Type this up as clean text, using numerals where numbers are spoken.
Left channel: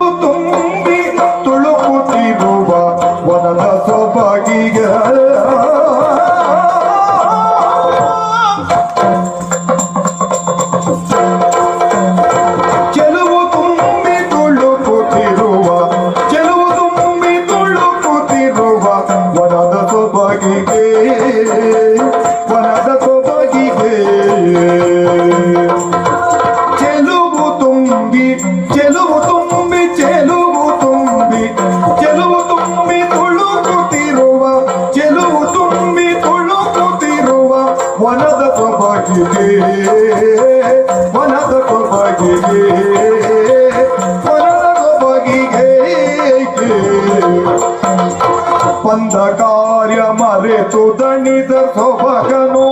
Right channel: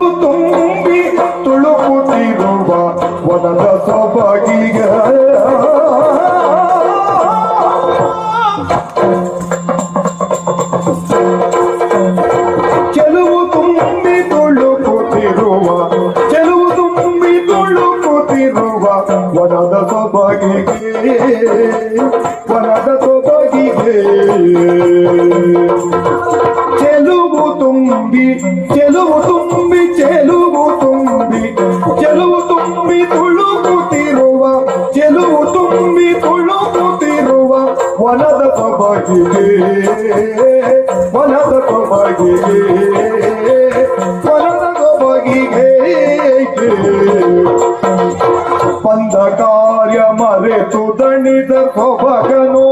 ತುಂಬಿ ತುಳುಕುತ್ತಿರುವ ವನದ ಸೊಬಗಿಗೆ ಚೆಲುವು ತುಂಬಿ ತುಳುಕುತ್ತಿರುವ ವನದ ಸೊಬಗಿಗೆ ಚೆಲುವು ತುಂಬಿ ತುಳುಕುತ್ತಿರುವ ವನದ ಸೊಬಗಿಗೆ ಬಂದ ಕಾರ್ಯ ಮರೆತು ದಣಿದ ಸೊಬಗನೋ